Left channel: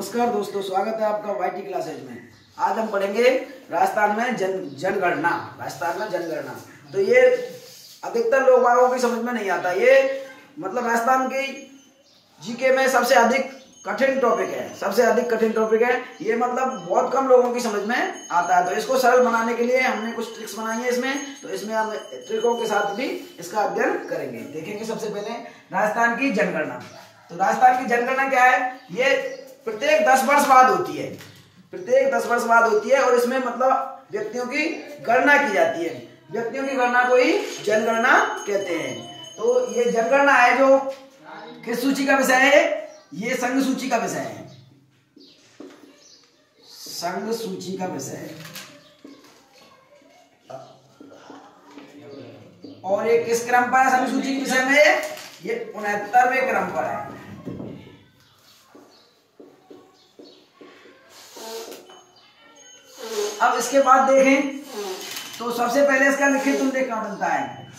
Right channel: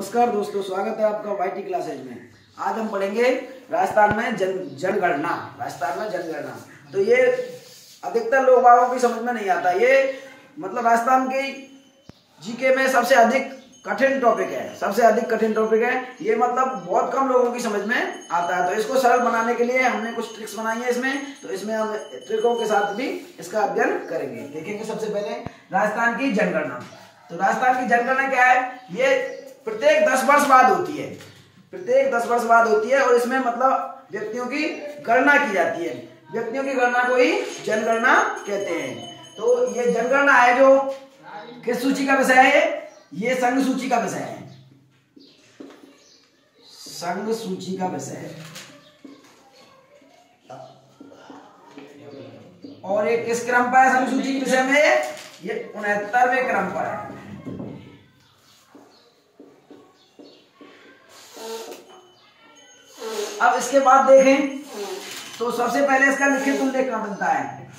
नमस्कार दोस्तों, स्वागत है आपका वाईटी क्लासेज में। आज हम पढ़ेंगे राजस्थान में जनगणना। राजस्थान में जनगणना तो ये अधिकतर लोगों की समझ में नहीं आता। ये मतलब राजस्थान की जीके में सबसे अधिक कठिन टॉपिक है, सबसे अधिक कठिन टॉपिक है ये। मतलब बहुत कम लोगों की समझ में आता है। तो इसको सरल बनाने के लिए हमने कुछ ट्रिक्स बनाई है इसमें। तो इसमें हम ट्रिकों के साथ भी इसका अध्ययन करेंगे। देखेंगे सबसे पहले राजस्थान की जनगणना। तो राजस्थान की जनगणना क्या है? ये प्रत्येक 10 वर्ष बाद होती है, प्रत्येक 10 वर्ष बाद होती है। और इसमें मतलब व्यक्तियों की गणना की जाती है। व्यक्तियों की गणना को ही जनगणना कहते हैं। तो ये जनगणना है जो किस सूची का विषय है? ये संघ सूची का विषय है, संघ सूची का विषय है। और ये किस क्रम पर है? संघ सूची के विषय में ये 69वें क्रम पर है। अब इसके बाद देखें तो सबसे पहले इसका लिखित उल्लेख कहां बनता है?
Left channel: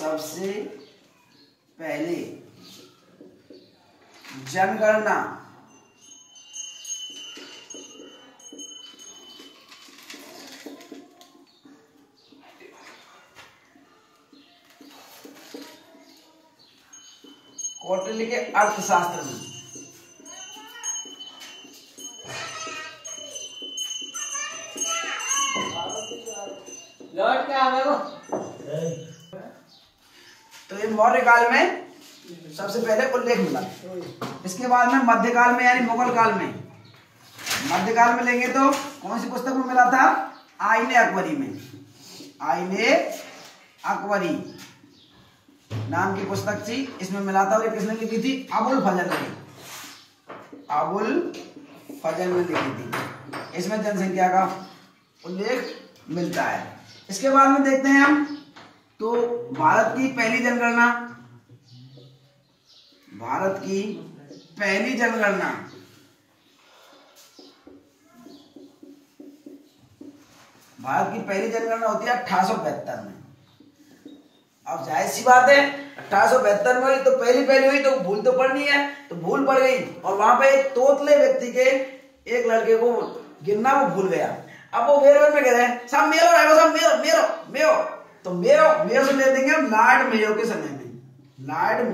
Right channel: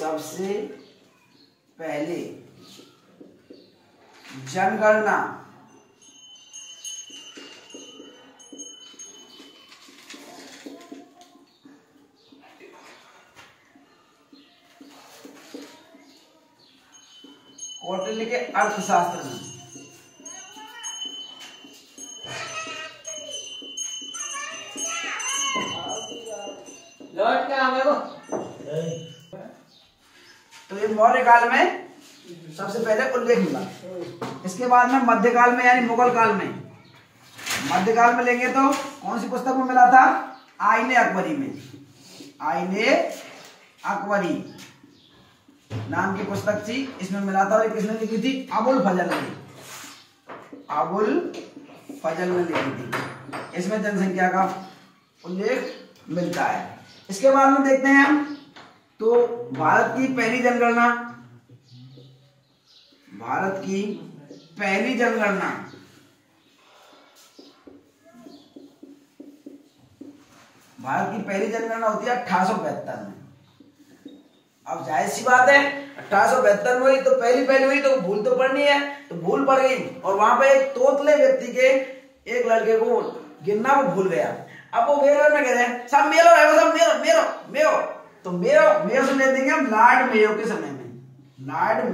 सबसे पहले जनगणना कौटिल्य के अर्थशास्त्र में तो ये मौर्य काल में सबसे पहले उल्लेख मिला। इसके बाद में मध्यकाल में यानी मुगल काल में, मध्यकाल में लेंगे तो कौन सी पुस्तक में मिला था? आईने अकबरी में। आईने अकबरी नाम की पुस्तक थी, इसमें मिला था। और किसने लिखी थी? अबुल फजल ने, अबुल फजल ने लिखी थी। इसमें जनसंख्या का उल्लेख मिलता है। इसके बाद में देखते हैं हम तो भारत की पहली जनगणना, भारत की पहली जनगणना भारत की पहली जनगणना होती है 1872 में। अब जाहिर सी बात है 1872 में हुई तो पहली हुई तो भूल तो पड़नी है, तो भूल पड़ गई। और वहां पे एक तोतले व्यक्ति के एक लड़के को गिनना वो भूल गया। अब वो बेर में कह रहे हैं सब मेरो है, सब मेरो मेरो मेरो। तो मेरो से ले देंगे हम लॉर्ड मेयो के समय में। लॉर्ड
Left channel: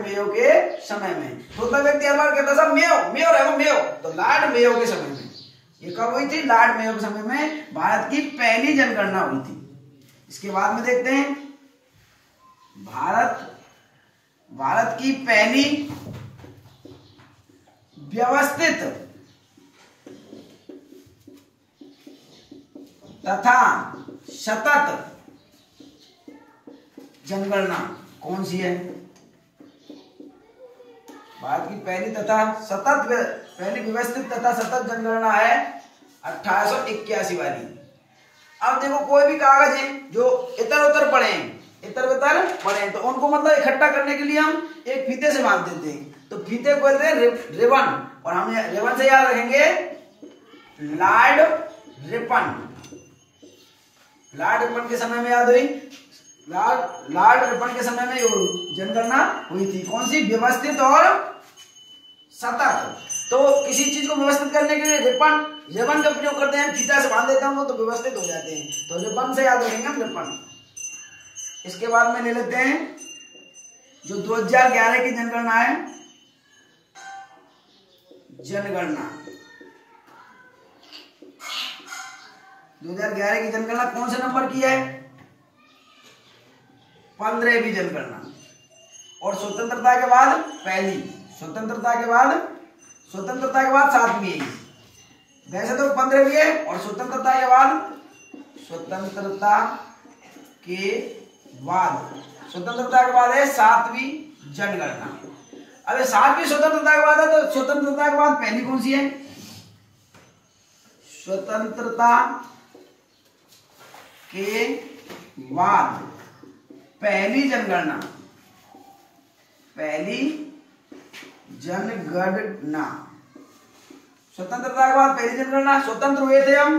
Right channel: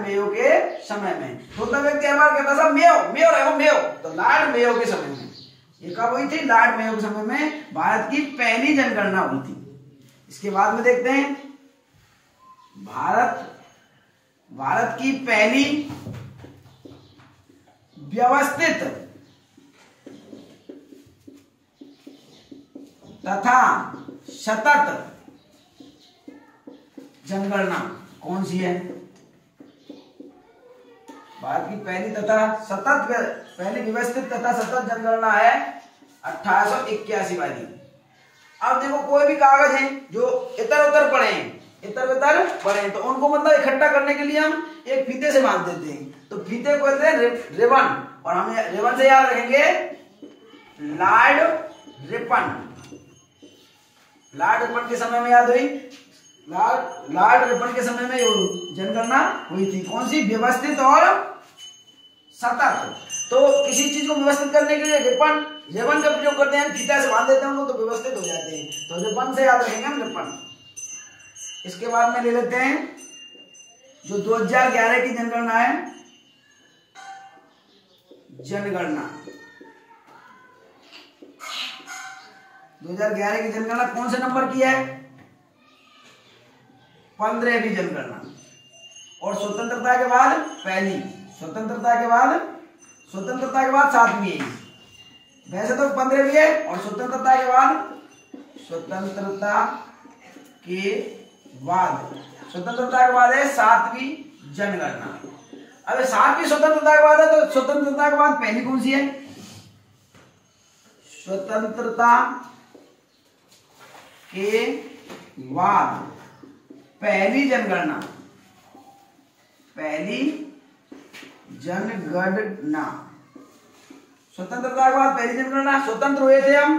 मेयो के समय में तोतला व्यक्ति हर बार कहता सब मेरो मेरो है मेरो। तो लॉर्ड मेयो के समय में, ये कब हुई थी? लॉर्ड मेयो के समय में भारत की पहली जनगणना हुई थी। इसके बाद में देखते हैं भारत की पहली व्यवस्थित तथा सतत जनगणना कौन सी है? भारत की पहली व्यवस्थित तथा सतत जनगणना है 1881 वाली। अब देखो कोई भी कागज है जो इधर उधर पड़े हैं तो उनको मतलब इकट्ठा करने के लिए हम एक फीते से बांध देते हैं। तो फीते को कहते हैं रिबन। और हम रिबन से याद रखेंगे लॉर्ड रिपन। लॉर्ड रिपन के समय में याद हुई, लॉर्ड रिपन के समय में जनगणना हुई थी। कौन सी? व्यवस्थित और सतत। तो किसी चीज को व्यवस्थित करने के लिए रिबन का प्रयोग करते हैं, फीता से बांध देते हैं तो व्यवस्थित हो जाते हैं। तो रिबन से याद रखेंगे हम रिबन। इसके बाद में ले लेते हैं जो 2011 की जनगणना है। जनगणना 2011 की जनगणना कौन से नंबर की है? 15वीं जनगणना। और स्वतंत्रता के बाद पहली, स्वतंत्रता के बाद 7वीं है। वैसे तो 15वीं है और स्वतंत्रता के बाद है 7वीं जनगणना। अबे 7वीं स्वतंत्रता के बाद है तो स्वतंत्रता के बाद पहली कौन सी है? स्वतंत्रता के बाद पहली जनगणना, स्वतंत्रता के बाद पहली जनगणना। स्वतंत्र हुए थे हम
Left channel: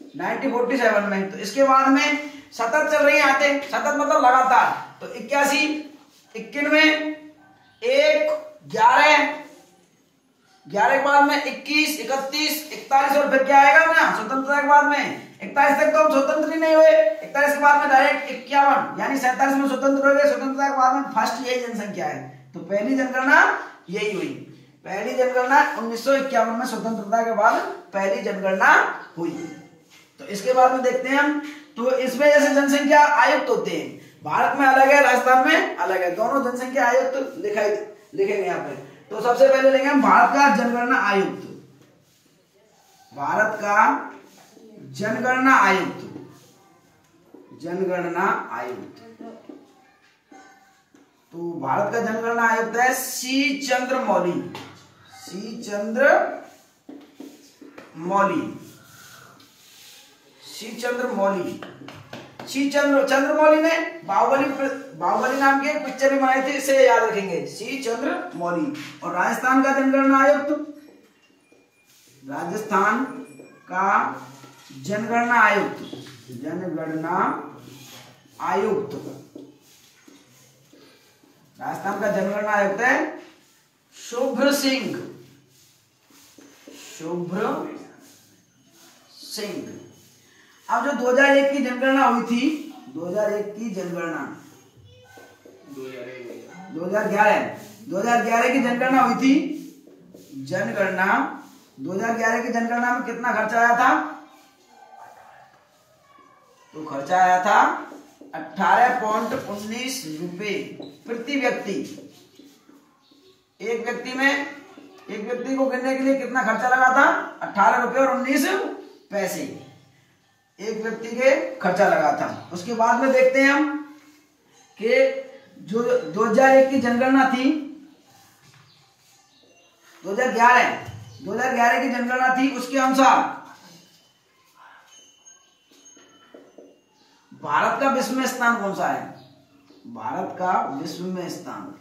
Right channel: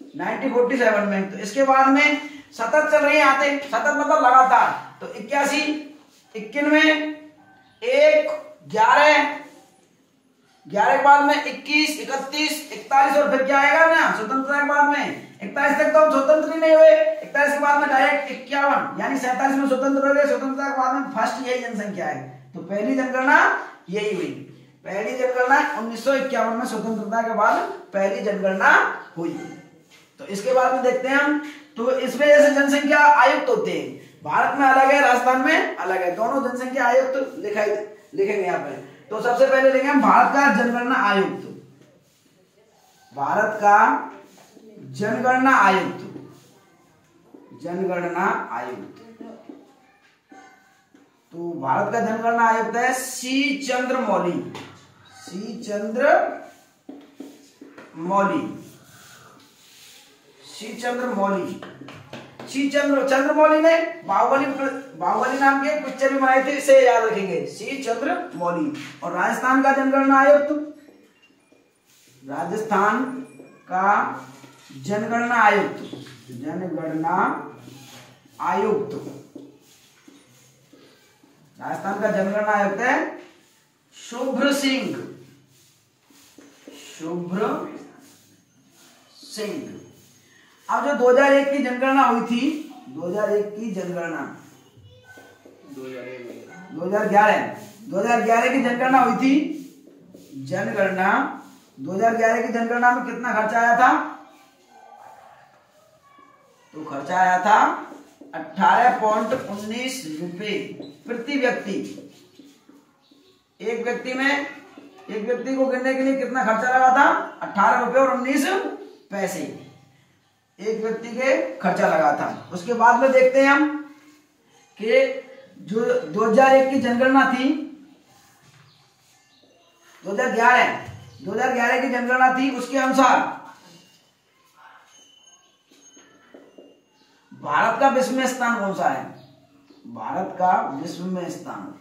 1947 में। तो इसके बाद में सतत चल रही आते, सतत मतलब लगातार। तो 81, 91, 1 11 11 के बाद में 21, 31, 41 और फिर क्या आएगा ना स्वतंत्रता के बाद में 41 तक तो हम स्वतंत्र ही नहीं हुए। 41 के बाद में डायरेक्ट 51 यानी 47 में स्वतंत्र हो गए। स्वतंत्रता के बाद में फर्स्ट यही जनसंख्या है। तो पहली जनगणना यही हुई। पहली जनगणना 1951 में स्वतंत्रता के बाद पहली जनगणना हुई। तो इसके बाद में देखते हैं हम। तो इसमें जैसे जनसंख्या आयुक्त होते हैं, भारत में अलग है, राजस्थान में अलग है। दोनों जनसंख्या आयुक्त लिखेंगे यहाँ पे। तो सबसे पहले लेंगे हम भारत का जनगणना आयुक्त। भारत का जनगणना आयुक्त, जनगणना आयुक्त। तो भारत का जनगणना आयुक्त है सी चंद्रमौली। सी चंद्रमौली ने बाहुबली नाम की एक पिक्चर भी बनाई थी, इसे याद रखेंगे, सी चंद्रमौली। और राजस्थान का जनगणना आयुक्त, राजस्थान का जनगणना आयुक्त राजस्थान का जनगणना आयुक्त है शुभ्र सिंह। अब जो 2001 की जनगणना हुई थी, 2001 की जनगणना 2011 की जनगणना हुई थी। 2011 की जनगणना में कितना खर्चा आया था? तो खर्चा आया था 18.19 रुपए प्रति व्यक्ति। एक व्यक्ति को गिनने के लिए कितना खर्चा लगा था? 18 रुपए और 19 पैसे एक व्यक्ति के खर्चा लगा था। उसके बाद में देखते हैं हम कि जो 2001 की जनगणना थी, 2011 की जनगणना थी, उसके अनुसार भारत का विश्व में स्थान कौन सा है? भारत का विश्व में स्थान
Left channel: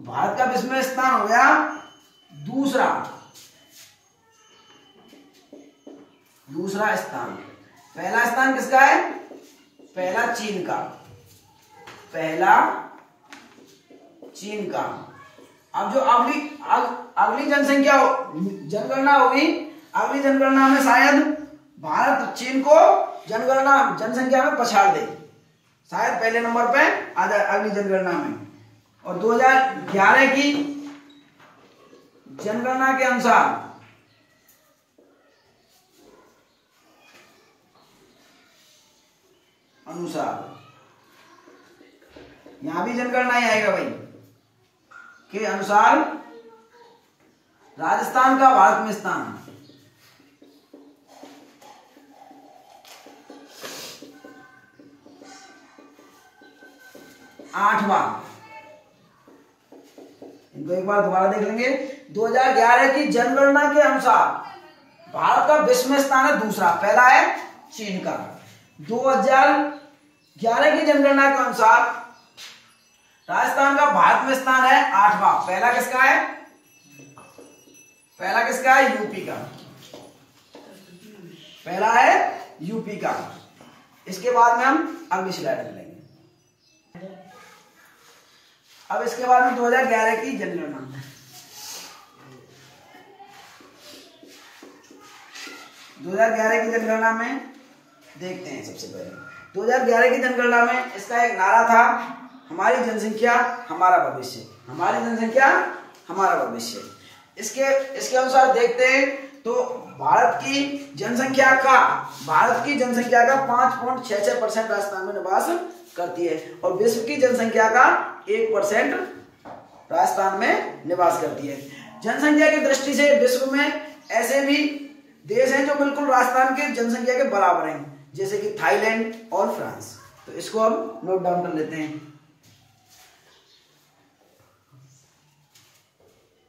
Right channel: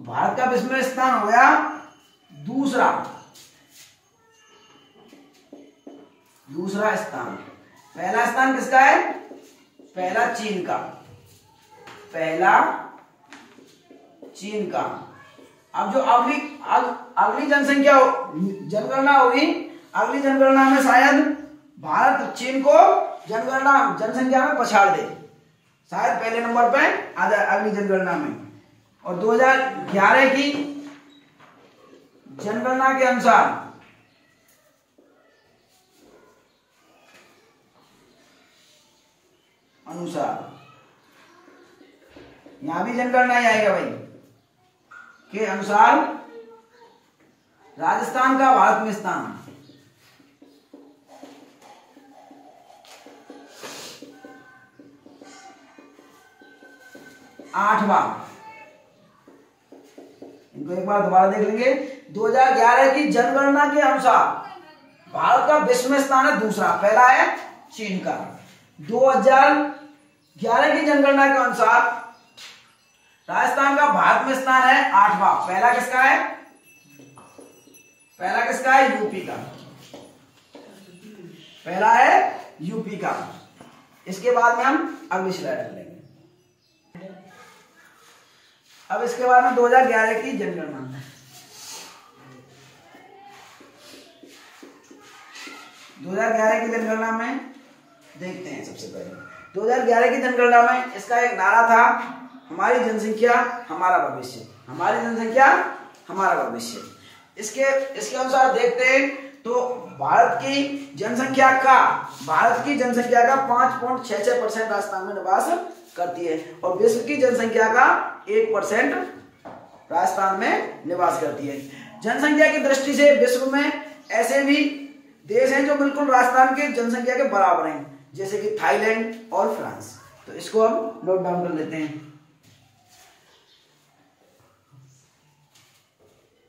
भारत का विश्व में स्थान हो गया दूसरा स्थान। पहला स्थान किसका है? पहला चीन का। अब जो अगली जनगणना होगी, अगली जनगणना में शायद भारत चीन को जनसंख्या में पछाड़ दे, शायद पहले नंबर पे आ जाए अगली जनगणना में। और 2011 की जनगणना के अनुसार यहां भी जनगणना ही आएगा भाई, के अनुसार राजस्थान का भारत में स्थान 8वां। इनको एक बार दोबारा देख लेंगे। 2011 की जनगणना के अनुसार भारत का विश्व में स्थान है दूसरा, पहला है चीन का। 2011 की जनगणना के अनुसार राजस्थान का भारत में स्थान है 8वां। पहला किसका है? यूपी का। पहला है यूपी का। इसके बाद में हम अगली स्लाइड लेंगे। अब इसके बाद में 2011 की जनगणना। 2011 की जनगणना में देखते हैं। सबसे पहले 2011 की जनगणना में इसका एक नारा था, हमारी जनसंख्या हमारा भविष्य, हमारी जनसंख्या हमारा भविष्य। इसके अनुसार देखते हैं तो भारत की जनसंख्या का 5.66% राजस्थान में निवास करती है और विश्व की जनसंख्या का 1% राजस्थान में निवास करती है। जनसंख्या की दृष्टि से विश्व में ऐसे भी देश हैं जो बिल्कुल राजस्थान के जनसंख्या के बराबर हैं, जैसे कि थाईलैंड और फ्रांस। तो इसको हम नोट डाउन कर लेते हैं।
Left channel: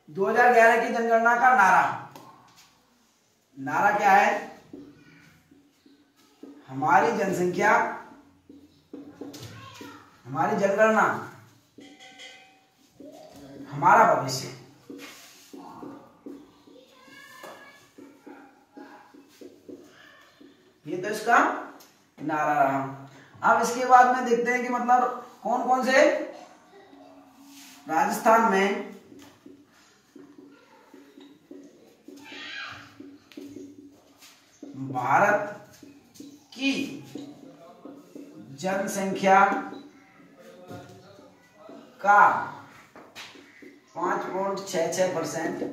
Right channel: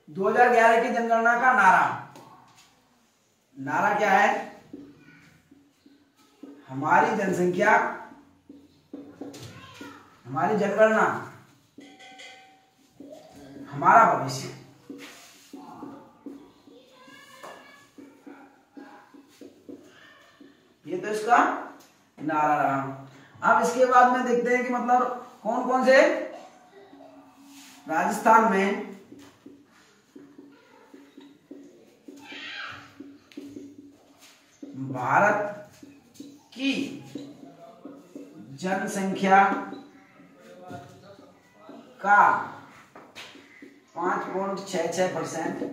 2011 की जनगणना का नारा क्या है? हमारी जनसंख्या हमारी जनगणना हमारा भविष्य। ये तो इसका नारा रहा। अब इसके बाद में देखते हैं कि मतलब कौन कौन से राजस्थान में भारत की जनसंख्या का 5.66%,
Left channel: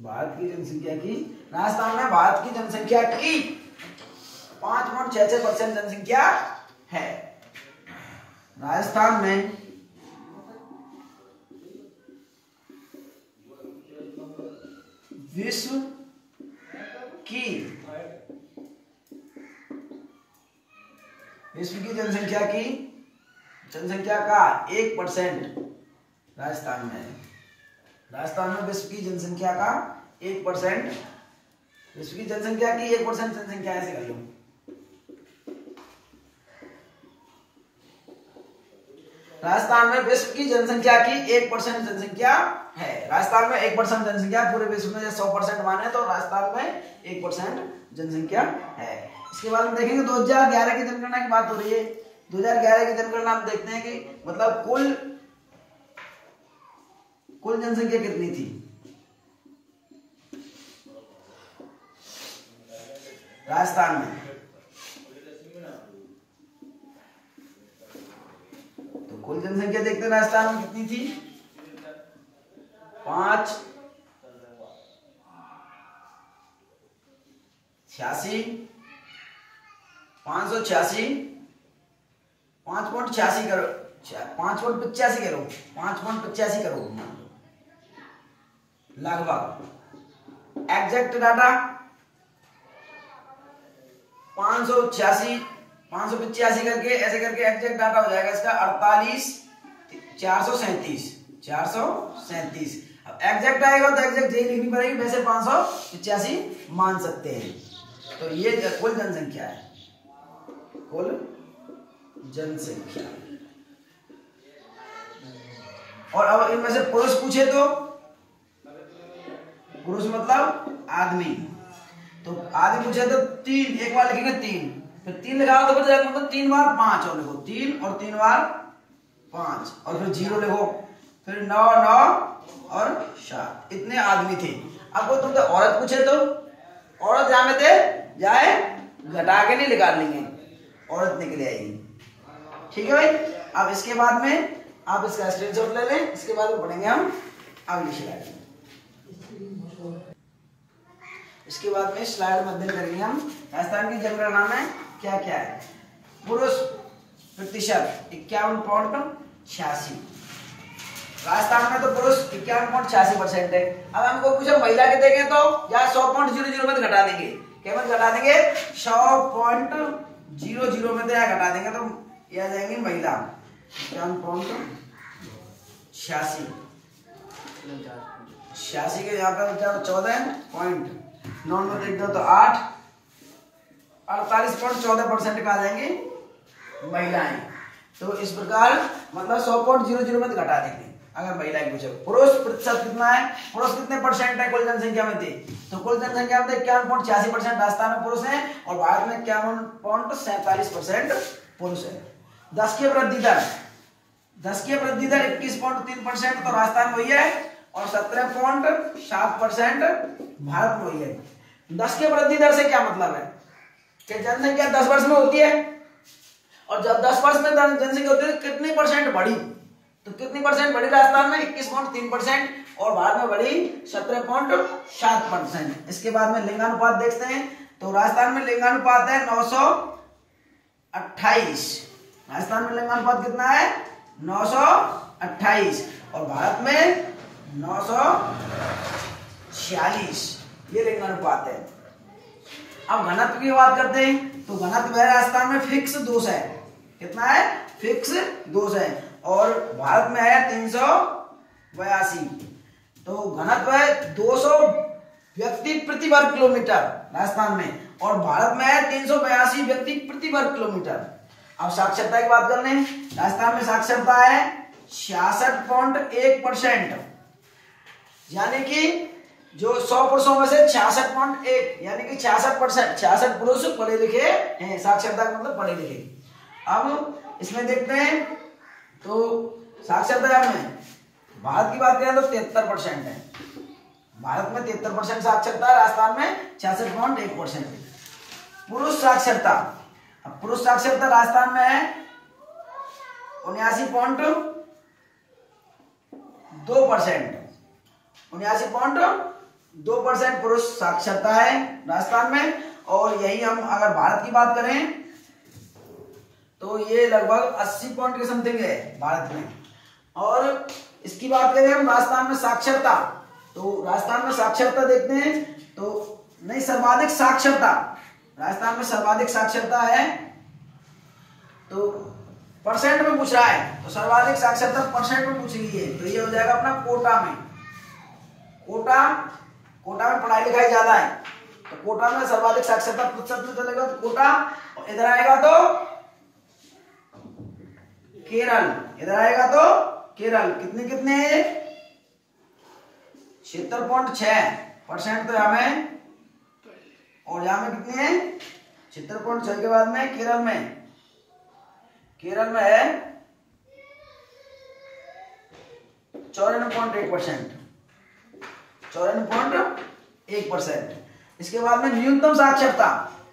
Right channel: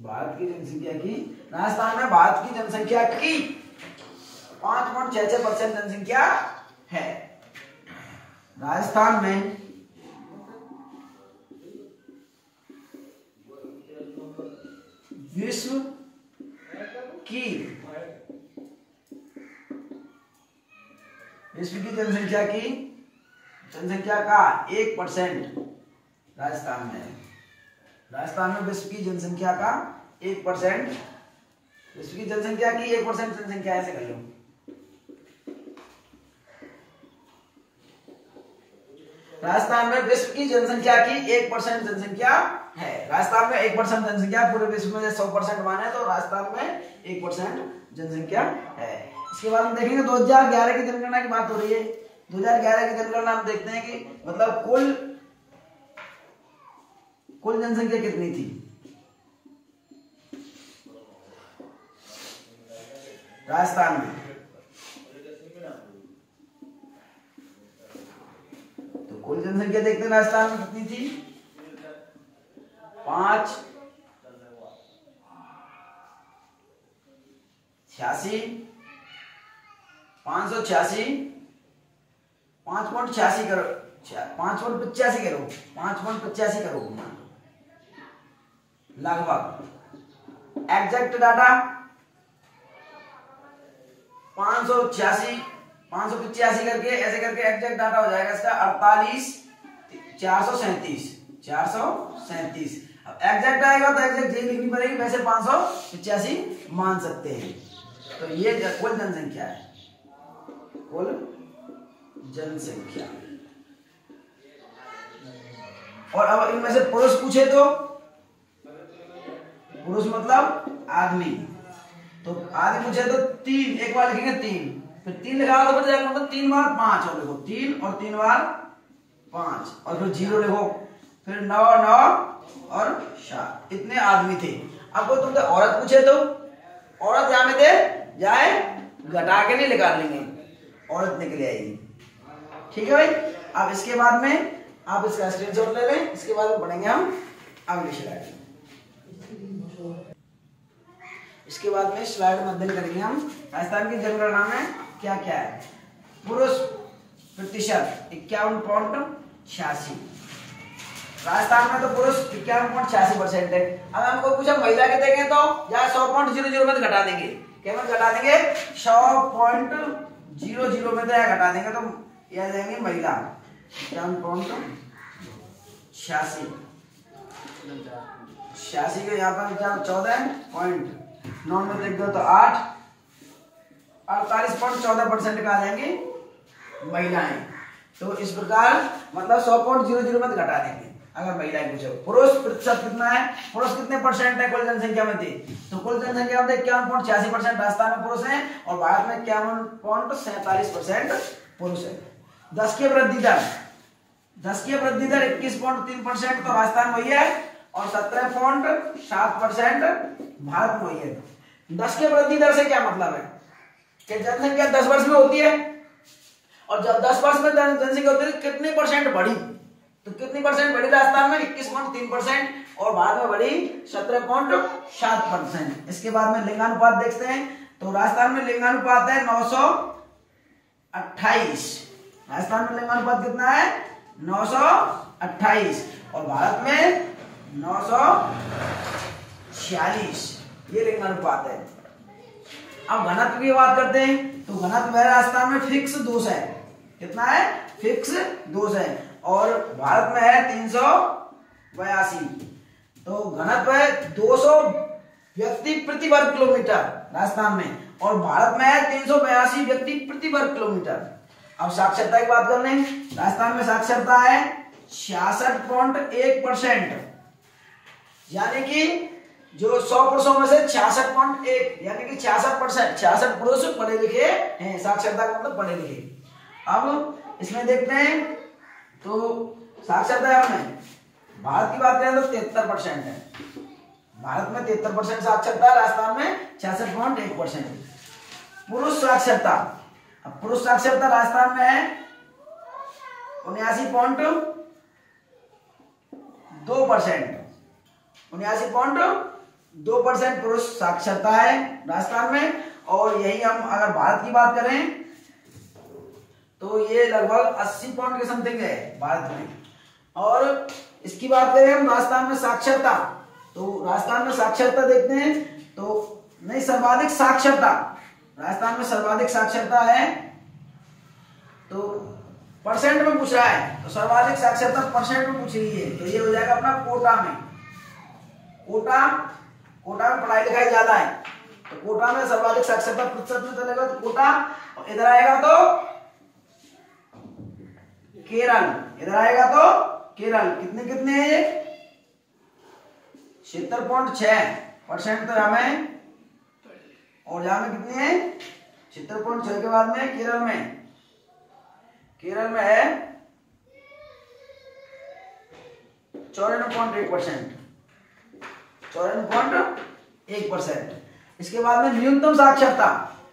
भारत की जनसंख्या की, राजस्थान में भारत की जनसंख्या की 5.66% जनसंख्या है। राजस्थान में विश्व की जनसंख्या का 1% राजस्थान में है। राजस्थान में विश्व की जनसंख्या का 1%, विश्व की जनसंख्या की 1% जनसंख्या, ऐसे कर लो। राजस्थान में विश्व की जनसंख्या की 1% जनसंख्या है। राजस्थान में 1% जनसंख्या, पूरे विश्व में 100% माने तो राजस्थान में 1% जनसंख्या है। इसके बाद हम देखेंगे 2011 की जनगणना की बात हो रही है। 2011 की जनगणना हम देखते हैं कि मतलब कुल जनसंख्या कितनी थी राजस्थान में। तो कुल जनसंख्या देखते हैं राजस्थान में कितनी थी, 586 करोड़, 5.85 करोड़ लगभग। एग्जैक्ट डाटा 585 करके ऐसे करके एग्जैक्ट डाटा हो जाएगा इसका 437। अब एग्जैक्ट आएगा तो एग्जैक्ट यही लिखनी पड़ेगी, वैसे 585 मान सकते हैं। तो ये कुल जनसंख्या है, कुल जनसंख्या। और अब इनमें से पुरुष पूछे तो पुरुष मतलब आदमी, तो आदमी पूछे तो 3, एक बार लिखेंगे 3, फिर 3 लिखा तो बच जाएगा, मतलब 3 बार 5 और लिखो, 3 और 3 बार 5 और फिर 0 लिखो, फिर 9 और 7, इतने आदमी थे। अब वो तुमसे औरत पूछे तो औरत जहां में थे जाए घटा के नहीं निकाल लेंगे, औरत निकल आएगी। ठीक है भाई। अब इसके बाद में आप इसका स्क्रीनशॉट ले लें, इसके बाद में पढ़ेंगे हम अगली स्लाइड। इसके बाद में स्लाइड में अध्ययन करेंगे हम राजस्थान की जनगणना में क्या क्या है। पुरुष प्रतिशत 51.86, राजस्थान में तो पुरुष 51.86% है। अब हमको पूछा महिला के देखें तो यहाँ 100.00 में घटा देंगे, केवल घटा देंगे 100.00 में तो यहाँ घटा देंगे तो यह जाएंगे महिला 86 के यहाँ पर 14.9 में देख दो तो 48.14% का आ जाएंगे महिलाएं। तो इस प्रकार मतलब 100.00 में घटा देंगे अगर महिलाएं पूछो। पुरुष प्रतिशत कितना है, पुरुष कितने परसेंट है कुल जनसंख्या में थे, तो कुल जनसंख्या में 51.86% राजस्थान में पुरुष हैं और भारत में 51.47% पुरुष है। 10 की वृद्धि दर 21.3% तो राजस्थान वही है और 17.7% भारत में वही है। 10 की वृद्धि दर से क्या मतलब है कि जनसंख्या 10 वर्ष में होती है और जब 10 वर्ष में जनसंख्या होती है तो कितनी परसेंट बढ़ी, तो कितनी परसेंट बढ़ी राजस्थान में 21.3% और भारत में बढ़ी 17.7%। इसके बाद में लिंगानुपात देखते हैं तो राजस्थान में लिंगानुपात है 928, राजस्थान में लिंगानुपात कितना है 928 और भारत में 946, ये लिंगानुपात है। अब घनत्व की बात करते हैं तो घनत्व है राजस्थान में फिक्स दोष है, कितना है फिक्स दोष है और भारत में है 382, तो घनत्व है 200 व्यक्ति प्रति वर्ग किलोमीटर राजस्थान में और भारत में है 382 व्यक्ति प्रति वर्ग किलोमीटर। अब साक्षरता की बात कर लें, राजस्थान में साक्षरता है 66.1%, यानी कि जो 100 पुरुषों में से 66.1 यानी कि 66%, 66 पुरुष पढ़े लिखे हैं। साक्षरता का मतलब पढ़े लिखे। अब इसमें देखते हैं तो साक्षरता में भारत की बात करें तो 73% है। भारत में 73% साक्षरता है, राजस्थान में 66.1% है। पुरुष साक्षरता, अब पुरुष साक्षरता राजस्थान में है 79.2%। 79.2% पुरुष साक्षरता है राजस्थान में। और यही हम अगर भारत की बात करें तो ये लगभग 80 पॉइंट के समथिंग है भारत में। और इसकी बात करें हम राजस्थान में साक्षरता, तो राजस्थान में साक्षरता देखते हैं तो नहीं, सर्वाधिक साक्षरता राजस्थान में सर्वाधिक साक्षरता है। तो परसेंट में पूछ रहा है तो सर्वाधिक साक्षरता परसेंट में पूछ रही है तो ये हो जाएगा अपना कोटा में। कोटा में पढ़ाई लिखाई ज्यादा है तो कोटा में सर्वाधिक साक्षरता प्रतिशत में चलेगा तो कोटा। और इधर आएगा तो केरल, इधर आएगा तो केरल। कितने है ये 76.6% तो यहाँ में। और यहाँ में कितने हैं 76.6 के बाद में केरल में है 94.1%। 94.1%। इसके बाद में न्यूनतम साक्षरता,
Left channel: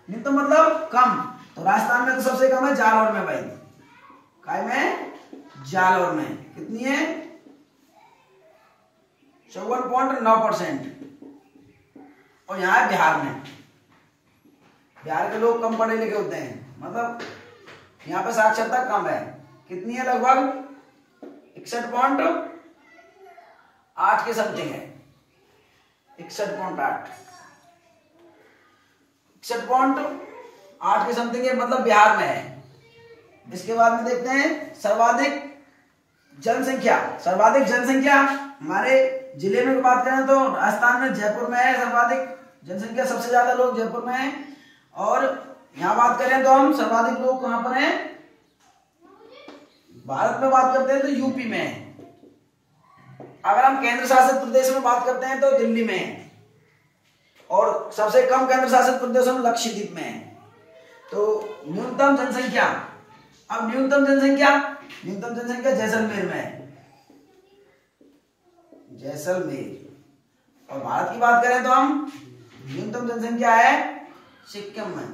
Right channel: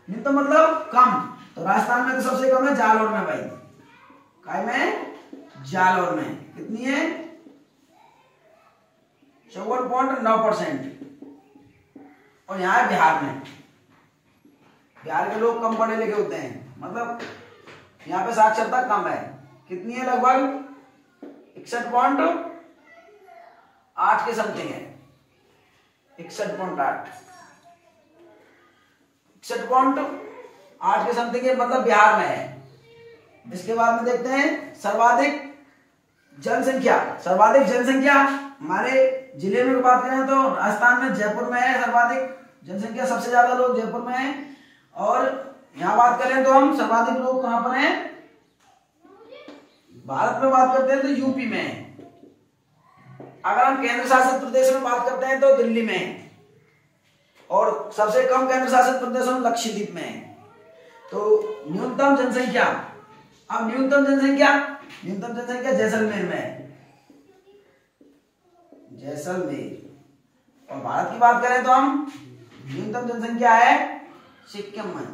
न्यूनतम मतलब कम, तो राजस्थान में तो सबसे कम है जालौर में भाई। काय में? जालौर में कितनी है 54.9%। और यहाँ है बिहार में। बिहार के लोग कम पढ़े लिखे होते हैं, मतलब यहाँ पे साक्षरता कम है। कितनी है लगभग 61.8 के समथिंग है। 61.8 के समथिंग है, मतलब बिहार में है। इसके बाद में देखते हैं सर्वाधिक जनसंख्या। सर्वाधिक जनसंख्या हमारे जिले में बात करें तो राजस्थान में जयपुर में है सर्वाधिक जनसंख्या, सबसे ज्यादा लोग जयपुर में हैं। और यहाँ बात करें तो हम सर्वाधिक लोग कहां पर हैं, भारत में बात करते हैं तो यूपी में है। अगर हम केंद्र शासित प्रदेश में बात करते हैं तो दिल्ली में है। और सबसे कम केंद्र शासित प्रदेशों में लक्षद्वीप में है। तो न्यूनतम जनसंख्या, अब न्यूनतम जनसंख्या जैसलमेर में है, जैसलमेर। और भारत की बात करें तो हम न्यूनतम जनसंख्या है सिक्किम में।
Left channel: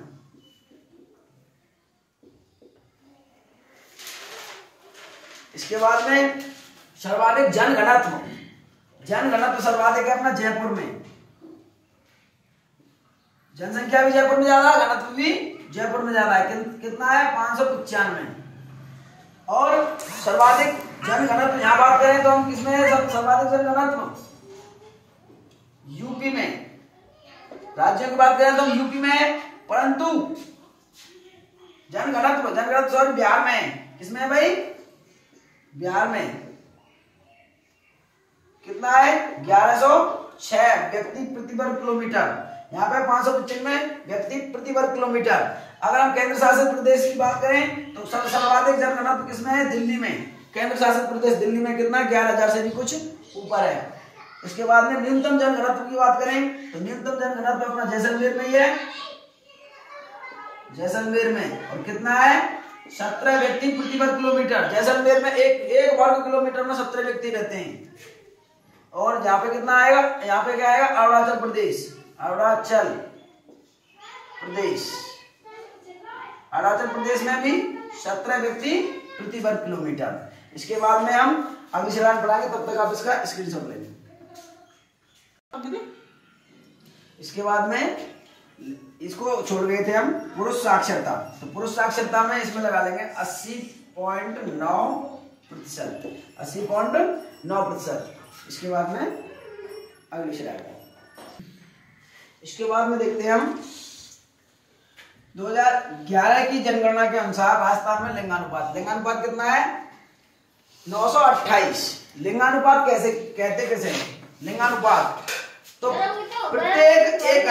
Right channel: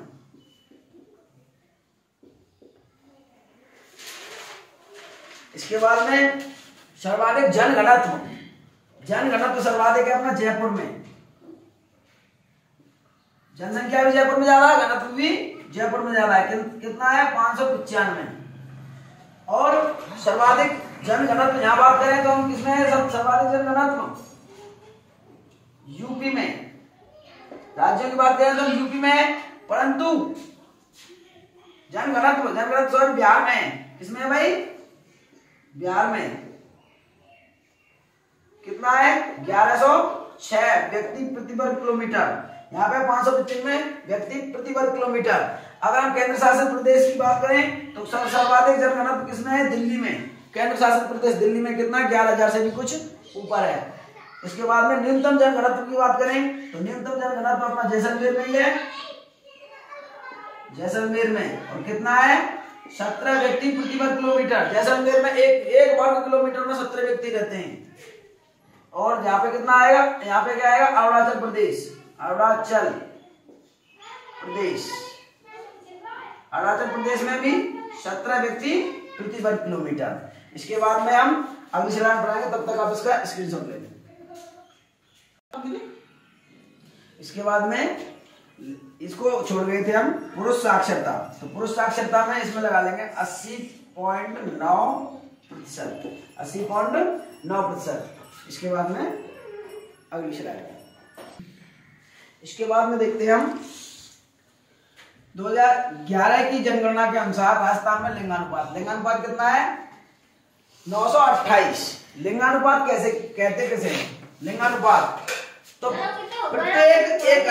इसके बाद में सर्वाधिक जनघनत्व सर्वाधिक है अपना जयपुर में। जनसंख्या भी जयपुर में ज्यादा है, घनत्व भी जयपुर में ज्यादा है। कितना है 595। और सर्वाधिक जनघनत्व यहाँ बात करें तो हम किसमें है सर्वाधिक जनघनत्व यूपी में। राज्यों की बात करें तो यूपी में है, परंतु जनघनत्व सॉरी बिहार में है। किसमें है भाई बिहार में। कितना है 1106 व्यक्ति प्रति वर्ग किलोमीटर। यहाँ पे 595 व्यक्ति प्रति वर्ग किलोमीटर। अगर हम केंद्र शासित प्रदेश की बात करें तो सर्वाधिक जनघनत्व किसमें है दिल्ली में। केंद्र शासित प्रदेश दिल्ली में कितना 11,000 से भी कुछ ऊपर है। इसके बाद में न्यूनतम जनघनत्व की बात करें तो न्यूनतम जनघनत्व अपना जैसलमेर में ही है, जैसलमेर में। और कितना है 17 व्यक्ति प्रति वर्ग किलोमीटर। जैसलमेर में एक वर्ग किलोमीटर में 17 व्यक्ति रहते हैं। और यहाँ पे कितना आएगा, यहाँ पे क्या आएगा अरुणाचल प्रदेश में भी 17 व्यक्ति प्रति वर्ग किलोमीटर। इसके बाद में हम अगली स्लाइड पढ़ाएंगे, तब तक आप इसका स्क्रीनशॉट ले लें। इसके बाद में इसको छोड़ गए थे हम पुरुष साक्षरता। तो पुरुष साक्षरता में इसमें लगा लेंगे 80.9%। 80.9%। इसके बाद में अगली स्लाइड। इसके बाद में देखते हैं हम 2011 की जनगणना के अनुसार राजस्थान में लिंगानुपात कितना है 928। लिंगानुपात कैसे कहते हैं लिंगानुपात, तो प्रत्येक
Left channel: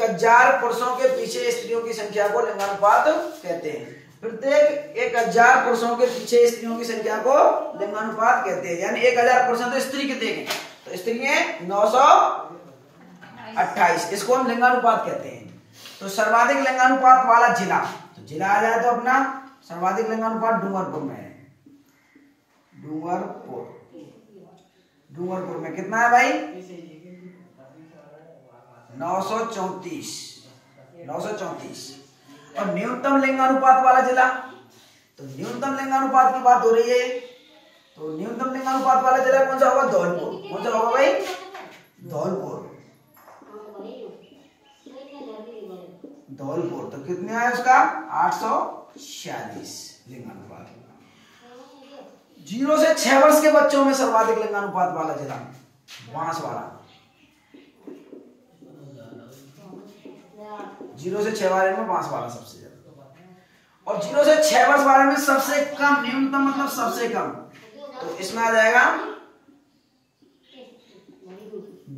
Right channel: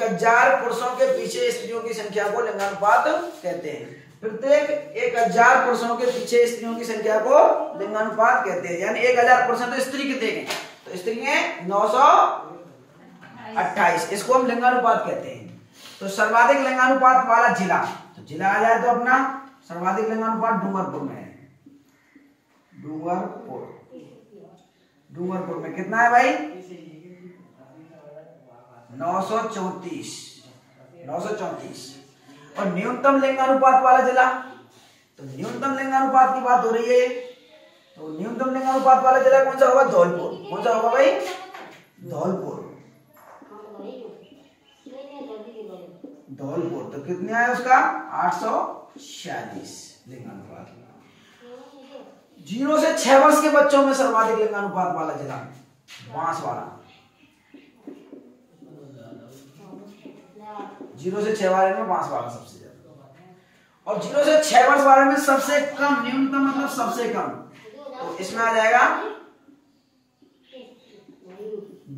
1,000 पुरुषों के पीछे स्त्रियों की संख्या को लिंगानुपात कहते हैं। प्रत्येक 1,000 पुरुषों के पीछे स्त्रियों की संख्या को लिंगानुपात कहते हैं। यानी 1,000 पुरुष तो स्त्री कितने हैं तो स्त्री है 928, इसको हम लिंगानुपात कहते हैं। तो सर्वाधिक लिंगानुपात वाला जिला, तो जिला आ जाए तो अपना सर्वाधिक लिंगानुपात डूंगरपुर में है। डूंगरपुर में कितना है भाई? 934। और न्यूनतम लिंगानुपात वाला जिला, तो न्यूनतम लिंगानुपात की बात हो रही है, तो न्यूनतम लिंगानुपात वाला जिला कौन सा होगा? धौलपुर। कौन सा होगा भाई? धौलपुर। तो कितने आया उसका? 846 लिंगानुपात। 0 से 6 वर्ष के बच्चों में सर्वाधिक लिंगानुपात वाला जिला बांसवाड़ा। 0 से 6 वाले में बांसवाड़ा सबसे ज्यादा। और 0 से 6 वर्ष वाले में सबसे कम, न्यूनतम मतलब सबसे कम, तो इसमें आ जाएगा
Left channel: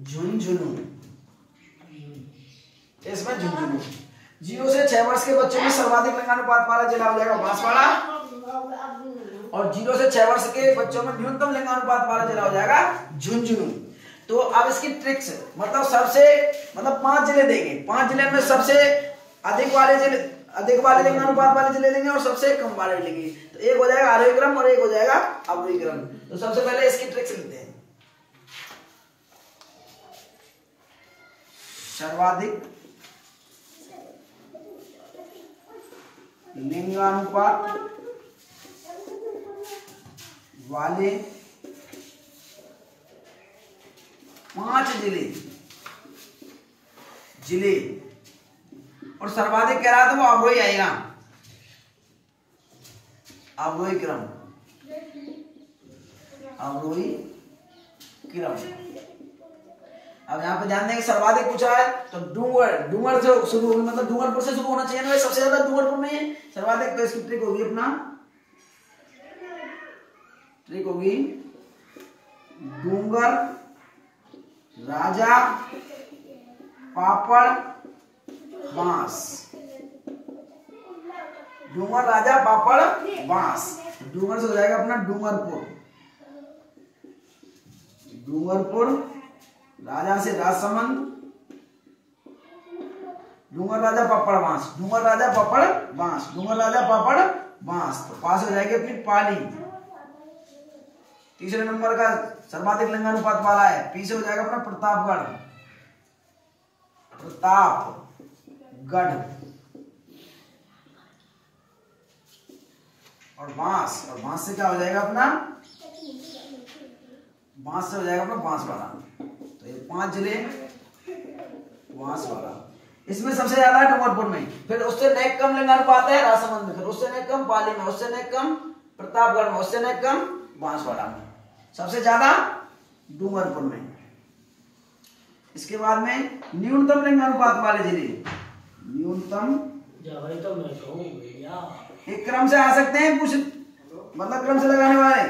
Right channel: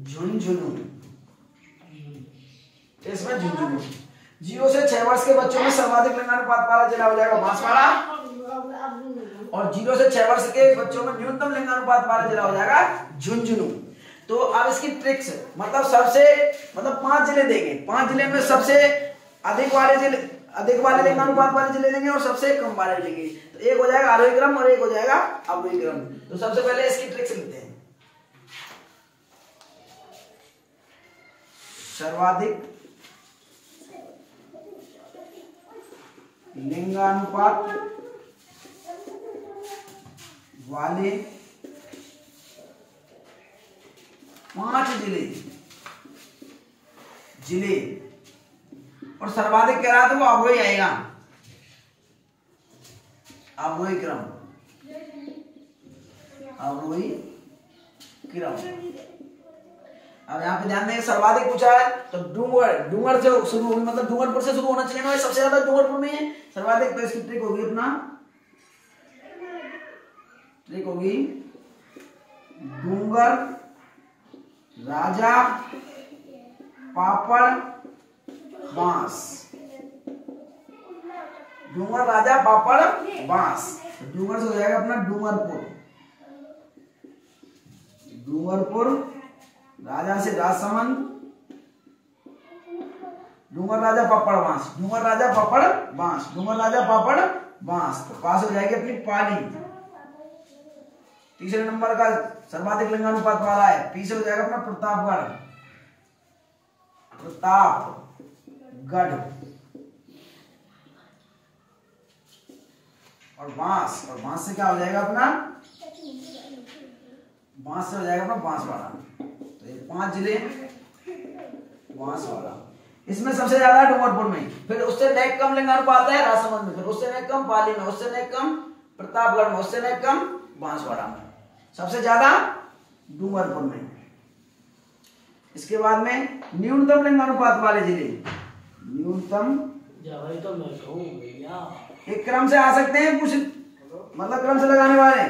झुंझुनू। इसमें झुंझुनू। 0 से 6 वर्ष के बच्चों में सर्वाधिक लिंगानुपात वाला जिला हो जाएगा बांसवाड़ा। और 0 से 6 वर्ष के बच्चों में न्यूनतम लिंगानुपात वाला जिला हो जाएगा झुंझुनू। तो अब इसकी ट्रिक्स, मतलब सबसे, मतलब 5 जिले देंगे, 5 जिले में सबसे अधिक वाले लिंगानुपात वाले जिले देंगे और सबसे कम वाले लेंगे। तो एक हो जाएगा आरोही क्रम और एक हो जाएगा अवरोही क्रम। तो सबसे पहले इसकी ट्रिक्स लेते हैं। सर्वाधिक लिंगानुपात वाले 5 जिले और सर्वाधिक कह रहा था वो अवरोही आएगा, अवरोही क्रम। अब यहाँ पे ध्यान देंगे, सर्वाधिक पूछा है तो डूंगर से शुरू होगी, मतलब डूंगरपुर से शुरू होना चाहिए ना, सबसे ज्यादा डूंगरपुर में है सर्वाधिक। तो इसकी ट्रिक होगी डूंगर राजा पापड़ बांस। डूंगर राजा पापड़ बांस। डूंगर से हो जाएगा अपना डूंगरपुर, राजा से राजसमंद, डूंगर राजा पापड़ बांस। तो पास हो जाएगी अपनी पाली। तीसरे नंबर का सर्वाधिक लिंगानुपात वाला है, पी से हो जाएगा अपना प्रतापगढ़। और बांस से क्या हो जाएगा अपना? बांस से हो जाएगा अपना बांसवाड़ा। तो ये 5 जिले बांसवाड़ा। इसमें सबसे ज्यादा डूंगरपुर में, फिर उससे नेक कम लिंगानुपात है राजसमंद में, फिर उससे नेक कम पाली में, उससे नेक कम प्रतापगढ़ में, उससे नेक कम बांसवाड़ा में, सबसे ज्यादा डूंगरपुर में। इसके बाद में न्यूनतम लिंगानुपात वाले जिले, एक क्रम से आ सकते हैं, कुछ मतलब क्रम से लगाने वाले।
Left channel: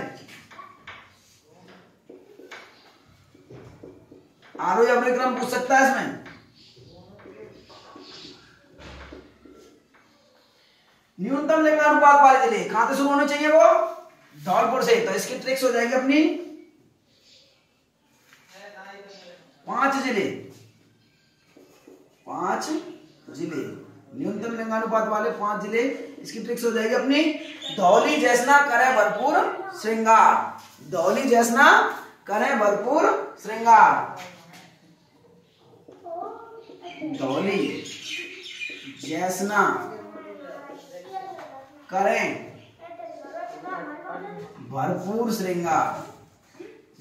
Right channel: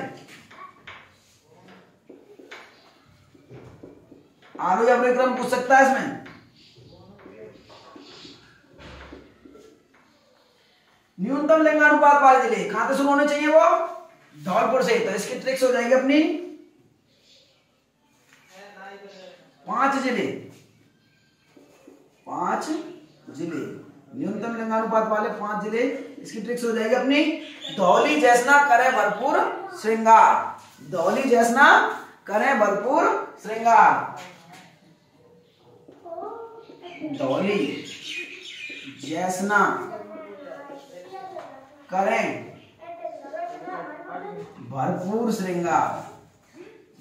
आरोही अवरोही क्रम पूछ सकता है इसमें। न्यूनतम लिंगानुपात वाले जिले कहां से शुरू होने चाहिए? वो धौलपुर से। तो इसकी ट्रिक्स हो जाएगी अपनी 5 जिले न्यूनतम लिंगानुपात वाले 5 जिले। इसकी ट्रिक्स हो जाएगी अपनी धौली जैसना करें भरपूर श्रृंगार। धौली जैसना करें भरपूर श्रृंगार। धौली जैसना करें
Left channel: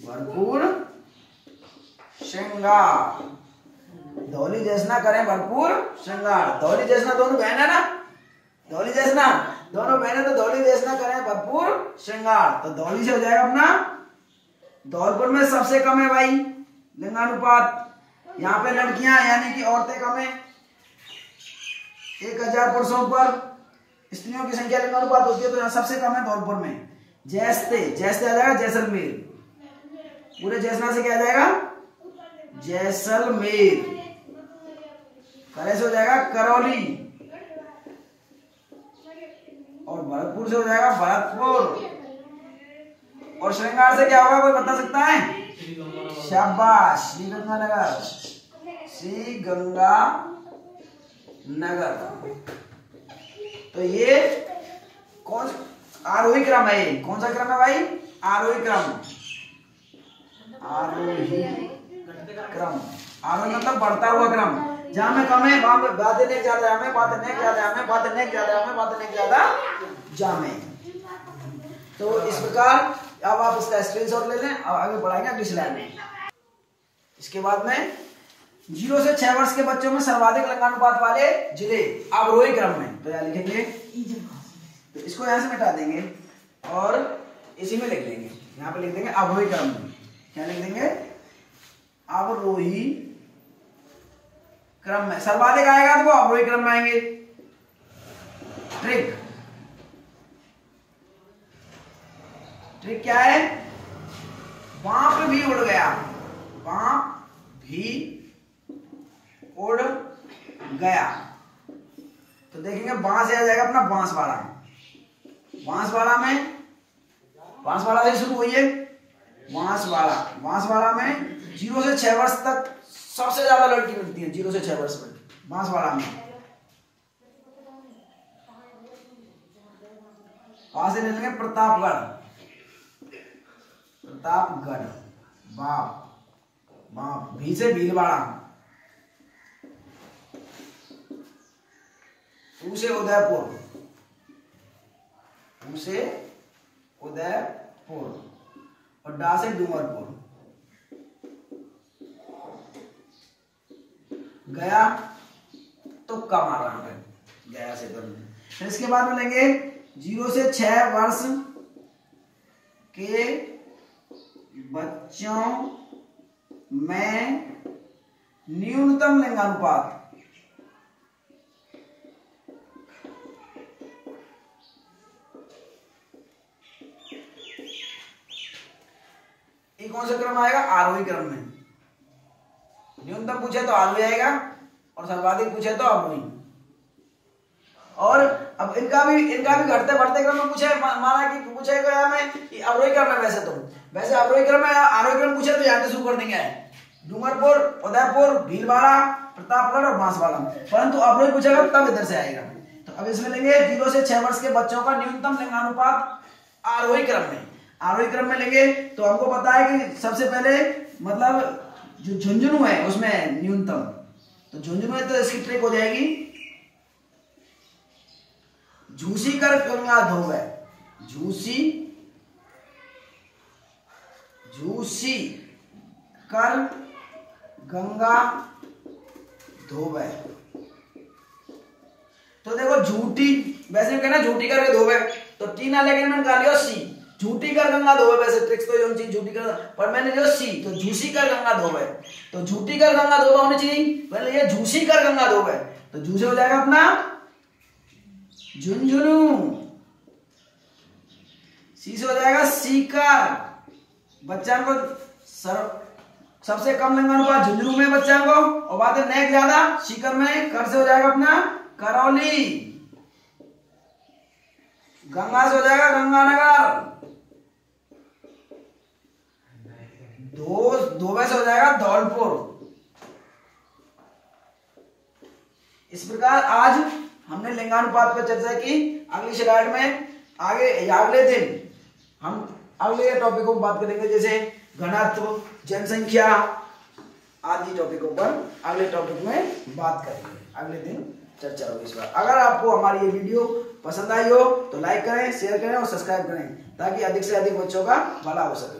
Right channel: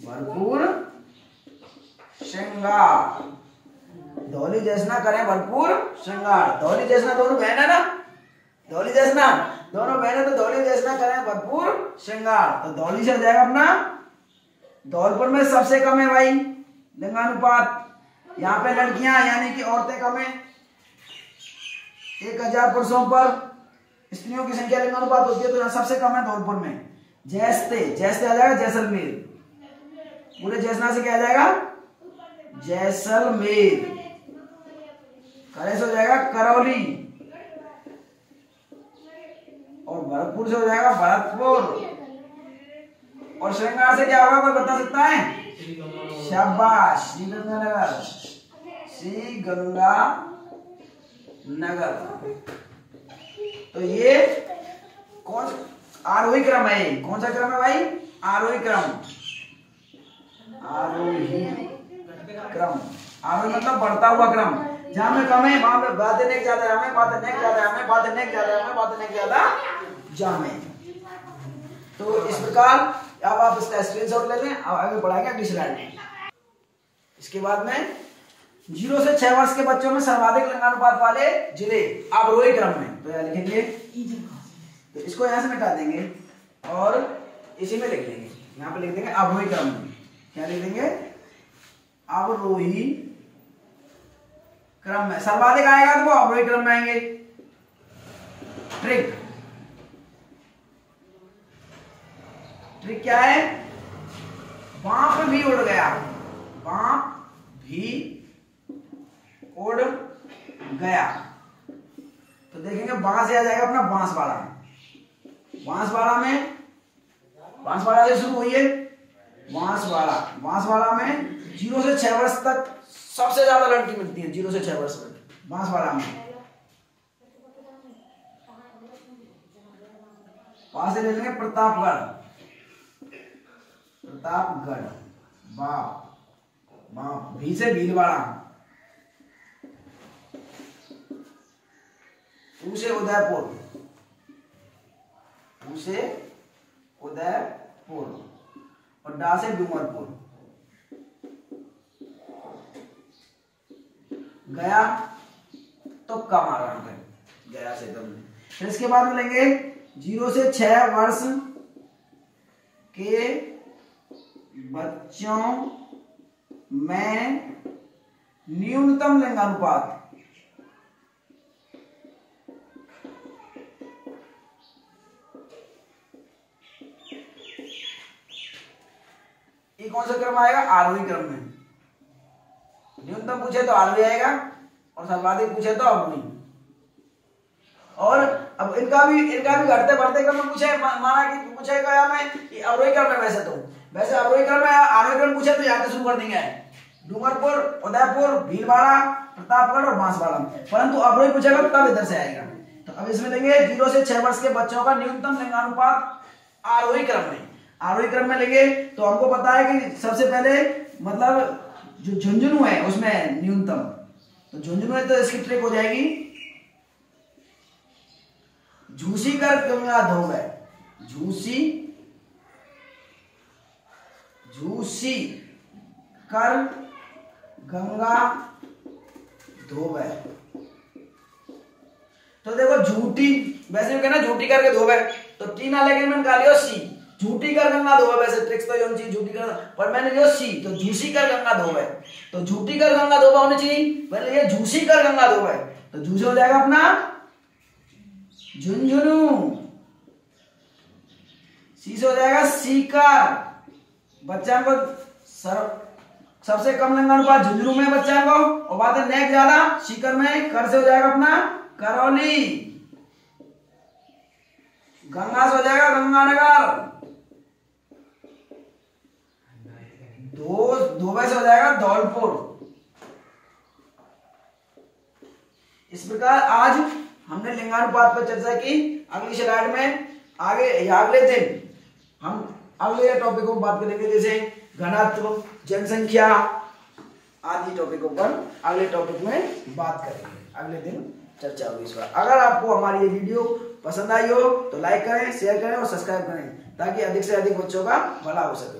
भरपूर श्रृंगार। धौली जैसना करें भरपूर श्रृंगार। धौली जैसना दोनों बहन है ना, धौली जैसना दोनों बहन है, तो धौली जैसना करें भरपूर श्रृंगार। तो धौली से हो जाएगा अपना। धौलपुर में सबसे कम है भाई लिंगानुपात। यहाँ पे लड़कियां यानी कि औरतें कम है, 1000 पुरुषों पर स्त्रियों की संख्या लिंगानुपात होती है, तो यहाँ सबसे कम है धौलपुर में। जैसते आ जाएगा जैसलमेर। पूरे जैसना से क्या आ जाएगा? जैसलमेर। करे से हो जाएगा करौली। और भरतपुर से हो जाएगा भरतपुर। और श्रृंगार से क्या होगा, कोई बता सकता है? शाबाश, श्री गंगानगर, श्री गंगानगर। तो ये कौन आरोही क्रम है? कौन सा क्रम है भाई? आरोही क्रम। आरोही क्रम, आरोही मतलब बढ़ता हुआ क्रम। जहां में कम है वहां पे बातें नेक ज्यादा है, हमें बातें नेक ज्यादा है, हमें बातें नेक ज्यादा है, हमें बातें नेक ज्यादा जामे। तो इस प्रकार अब आप इसका स्क्रीनशॉट ले लें और आगे बढ़ाएंगे अगली स्लाइड में। इसके बाद में 0 से 6 वर्ष के बच्चों में सर्वाधिक लिंगानुपात वाले जिले अवरोही क्रम में। तो यहाँ लिखेंगे, तो इसको यहाँ से मिटा देंगे और इसी में लिख देंगे, यहाँ पे लिख देंगे अवरोही क्रम में। क्या लिख देंगे? अवरोही क्रम में सर्वाधिक आएगा तो वो अवरोही क्रम में आएंगे। ट्रिक क्या है? बांप भी उड़ गया, बांप भी उड़ गया। तो देखेंगे बांस से आ जाएगा अपना बांसवाड़ा। बांसवाड़ा से शुरू हुई है बांसवाड़ा में 0 से 6 वर्ष तक सबसे ज्यादा लड़की मिलती है। 0 से 6 वर्ष में बांसवाड़ा में। वहां से ले लेंगे प्रतापगढ़, बाप भी से भीलवाड़ा, ऊ से उदयपुर और डा से डूंगरपुर। गया तो कम आ रहा है, गया से दम। फिर इसके बाद में लेंगे 0 से 6 वर्ष के बच्चों में न्यूनतम लिंगानुपात। ये कौन सा क्रम आएगा? आरोही क्रम में। न्यूनतम पूछे तो आरोही आएगा और सर्वाधिक पूछे तो अवरोही। और अब इनका भी घटते बढ़ते क्रम में पूछे, माना कि पूछेगा मैं कि अवरोही क्रम में, वैसे अवरोही क्रम में आरोही क्रम पूछे तो यहाँ से शुरू कर देंगे, डूंगरपुर, उदयपुर, भीलवाड़ा, प्रतापगढ़ और बांसवाड़ा। परंतु अवरोही पूछेगा तब इधर से आएगा। तो अब इसमें लेंगे 0 से 6 वर्ष के बच्चों का न्यूनतम लिंगानुपात आरोही क्रम में। आरोही क्रम में लेंगे तो हमको पता है कि सबसे पहले मतलब जो झुंझुनू है उसमें न्यूनतम, तो झुंझुनू है तो इसकी ट्रिक हो जाएगी झूसी कर गंगा धोवे, झूसी कर गंगा धोवे। तो देखो झूठी, वैसे कहना झूठी करके धोवे तो टी ना लेकिन मैंने कहा लियो सी, झूठी कर गंगा धोवे। वैसे ट्रिक्स तो ये झूठी कर, पर मैंने लियो सी, तो झूसी कर गंगा धोवे। तो झूठी कर गंगा धोवा होनी चाहिए, पहले ये झूसी कर गंगा धोवे। तो झूसे हो जाएगा अपना झुंझुनू, सी से हो जाएगा सीकर। बच्चा को सबसे कम लिंगानुपात झुंझुनू में बच्चा को, और बात है नेक ज्यादा सीकर में। कर से हो जाएगा अपना करौली, गंगा से हो जाएगा गंगानगर, धोबे से हो जाएगा धौलपुर। इस प्रकार आज हमने लिंगानुपात पर चर्चा की। अगली स्लाइड में अगले दिन हम अगले टॉपिकों पर बात करेंगे, जैसे घनत्व, जनसंख्या आदि टॉपिकों पर अगले टॉपिक में बात करेंगे। अगले दिन चर्चा होगी इस बार। अगर आपको हमारी ये वीडियो पसंद आई हो तो लाइक करें, शेयर करें और सब्सक्राइब करें ताकि अधिक से अधिक बच्चों का भला हो सके।